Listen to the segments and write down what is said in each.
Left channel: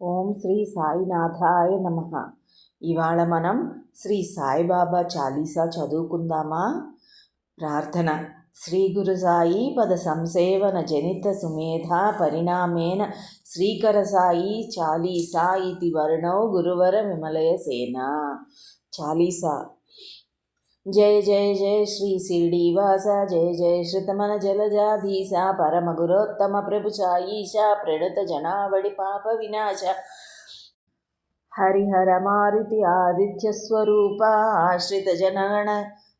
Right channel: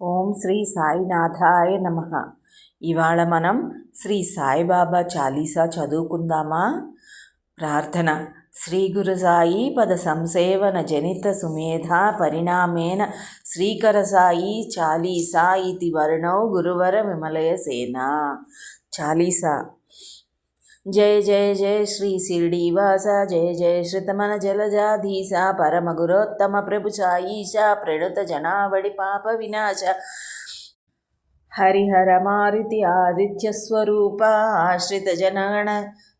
ఓం శ్రీ సాయినాథాయ నమః. ఇవాళ మనం శ్రీ సాయిబాబా చాలీసా చదువుకుందామా? ప్రార్థన. శ్రీ గురు సాయి పద సంసేవన జనిత సుమేధా పరిణామేన శ్రీకర సాయి చాలీసా ఇతి వర్ణౌ గురువర విమలయ సేన. చాలీసా. జయ జయ జయ శ్రీ శిరిడీవాస, జయ జయ శ్రుతమన జలజాధీశ, పరమ గురోత్తమ ప్రభు సాయీశ, ప్రణుత జనావళి పాప వినాశ, హరిహర మారుతి ఆదిత్య స్వరూప, ఆశ్రిత జనగణ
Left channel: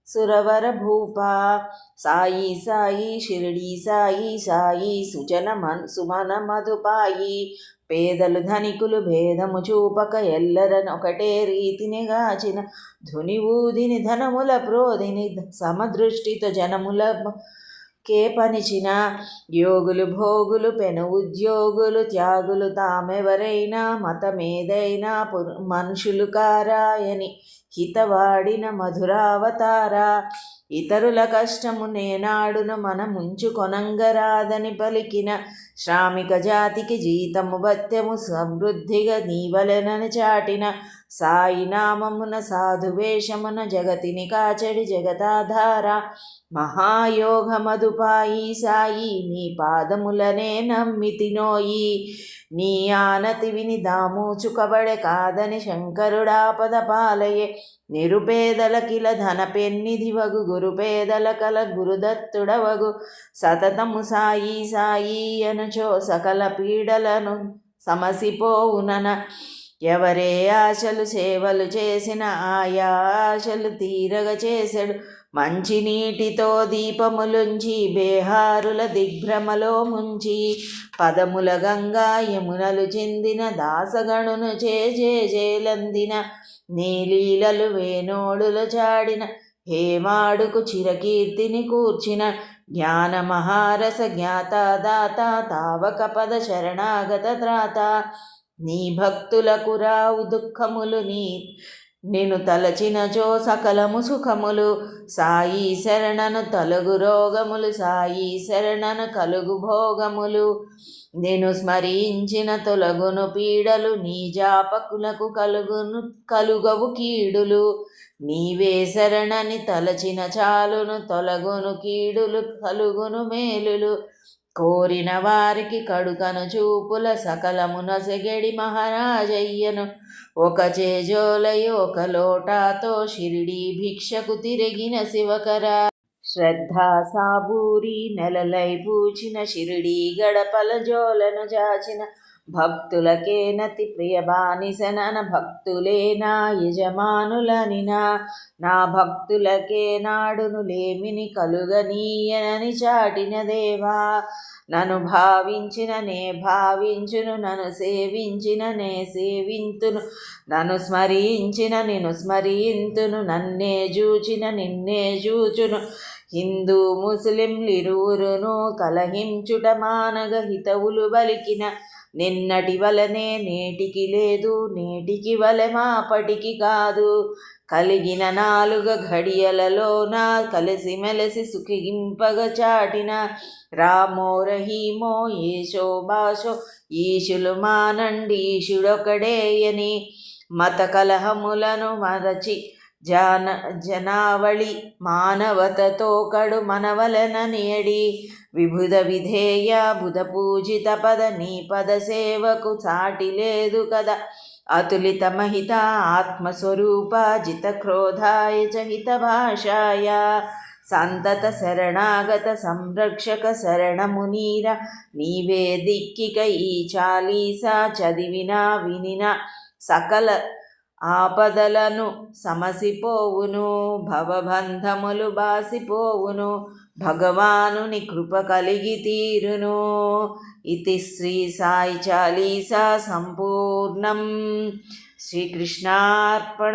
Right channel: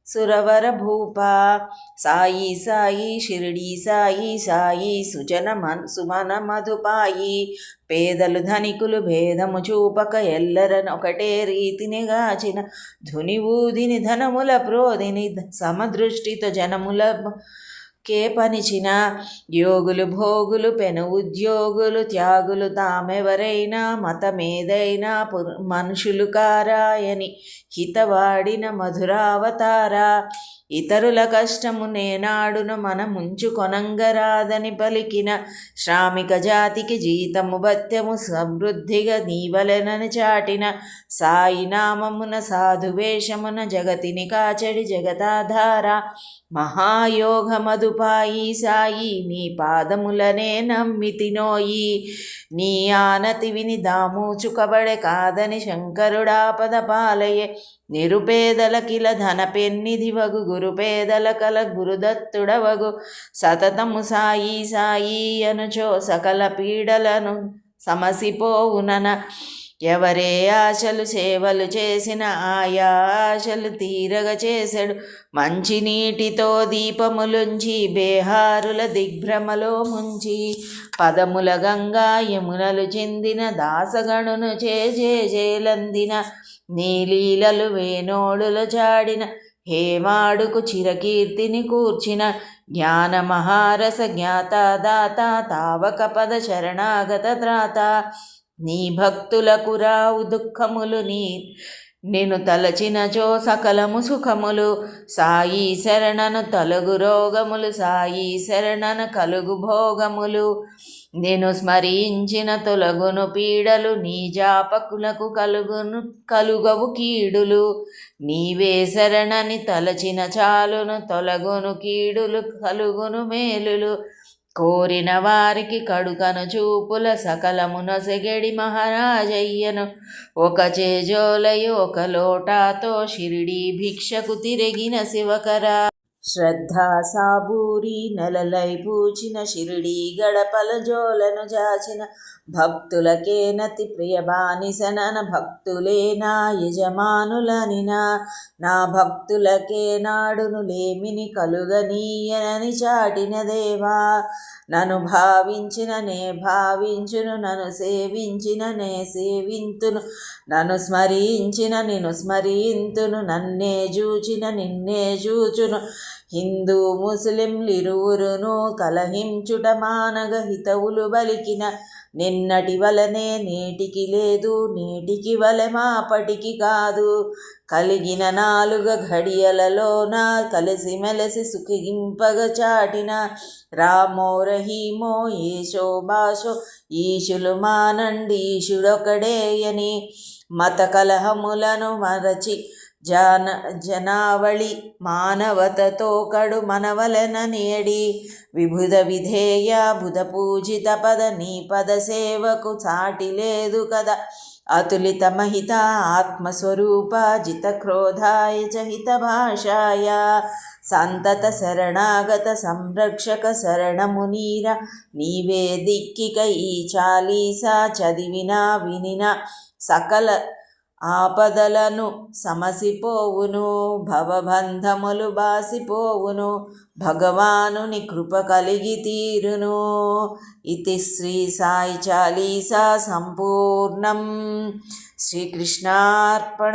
సురవర భూప, సాయి సాయి షిరిడి సాయి సాయి సుమన మధుపాయి, పేదలు ధనికులు భేదము చూపక ఎల్లరనొకటే రీతిని గాచిన, ధుని ఊదిని ధనముల ప్రోదిని సమదృష్టితో జనముల కే పనిచిన, యోగులు భోగులు పెను ఉద్యోగులు త్యాగులు తామెవరైనా మతమేదైనా మనుషులు కారాయని హితవాడిన మధురావతార, ఇతరుల కష్టము నేనాడును మనముంచు కొనంగరాదని పలికిన, శ్రామిక జాతికి జీతము భత్యము సమృద్ధిగా నీవలెనని చాటిన, సాయి నామమున సాధువేషమున జగతిని కాచడి జగతాధార, మహాయోగ మధుపాయి సాయి నీ పాదములనే నమ్మితినోయి, నీ ఆనతి విని దామూచుకబడె కాదని శంకరుడాపద పాలయే, నిరుపేదలకిల ధన పెన్నిధివగు గురుపేదల కల గురుదత్తుడవగు, సతతము సాయి సాయి అనుచో సకల పీడలను సమసిపోవునన, ఎవరే ఆశలు సేవలు చేసిన ఆయా ఆశలు తీరగ చేసెడు, మంచినీటితో దీపములుంచి బేహారుల దిగ్భ్రమలో ముంచి, పదముల గంగా యమునలు చెందిన దాసగణును చేలందిన, నీలీలలు వేణోడుల చాడిన హేమాడుకు చిరకీర్తిని కూర్చిన, జ్ఞాన మహారస జ్ఞాత దాత తావక పద శరణాగత త్రాత, నీ భక్తులకు రావు దుఃఖములు నిన్ను తలచినచో సకలము సుఖములు, సాయి శరణను తొలగు రోగములు సాయి శరణను కలుగు భోగములు, నేను స్మరించిన తొలగును పీడలు నీ జాపకులకు కలుగవు కీడులు, నీవే శరణని తలచిన చాలును తొలగును కీడులు కలుగును మేలులు, కోరిన వారికి కడుకను చూపుల సకలమున సెగడి మహారాజయ్యను, ఒక చేజోలయు ఒక లోటాతో షిరిడి భిక్షకు తిరిగిన శివకర, శ్రద్ధా సాబూరి నెలలై పూచిన షిరిడి గడపల జోలను జాచిన, భక్తులకే నతి ప్రియ బానిసనన భక్తులే నా యజమానులనినా, నా భక్తులకే నాడును లేమిని కలుగనీయనని చాటిన దేవా, నన్ను భావించిన నే భావించును నన్ను సేవించిన నే సేవింతును, నన్ను స్మరించిన నిన్ను స్మరింతును, నన్నే జూచిన నిన్నే జూచును, హిందూ ముస్లింలిరువురును కలహించుట మానగ హితవులు బలికిన, నిన్నటి వలనే నేటికి లేదు నేటికి వలె మాపటికి కాదు, కలిగిన నాలుగ ఘడియలలోన కలిసిమెలసి సుఖింపగ చాటిన, రామో రహీమో ఏషో భాషో ఈశులు మానండి ఈశుడొకడేయని, మత కలహములను మరచి జనావళి మానవతతో కడు మనవలననియడి, విభుద విధేయ బుధ పూజిత పద నీ పద సేవకు సాటి లేదు కదా, అతులిత మహిత ఆత్మస్వరూప జిత క్రోధాయ చ హిత భాషాయ, సంతత శరణాగత సంరక్షక శరణమునీర, నీవే దిక్కిక ఈ చాలీసా చదివినా వినిన సకల ఆపదలను సమసిపోవును, భవబంధములు బాసిపోవును, భగవానుని కృప కలిగి తీరును. ఇతి శ్రీ సాయి చాలీసా సంపూర్ణం. శ్రీకృష్ణార్పణమస్తు.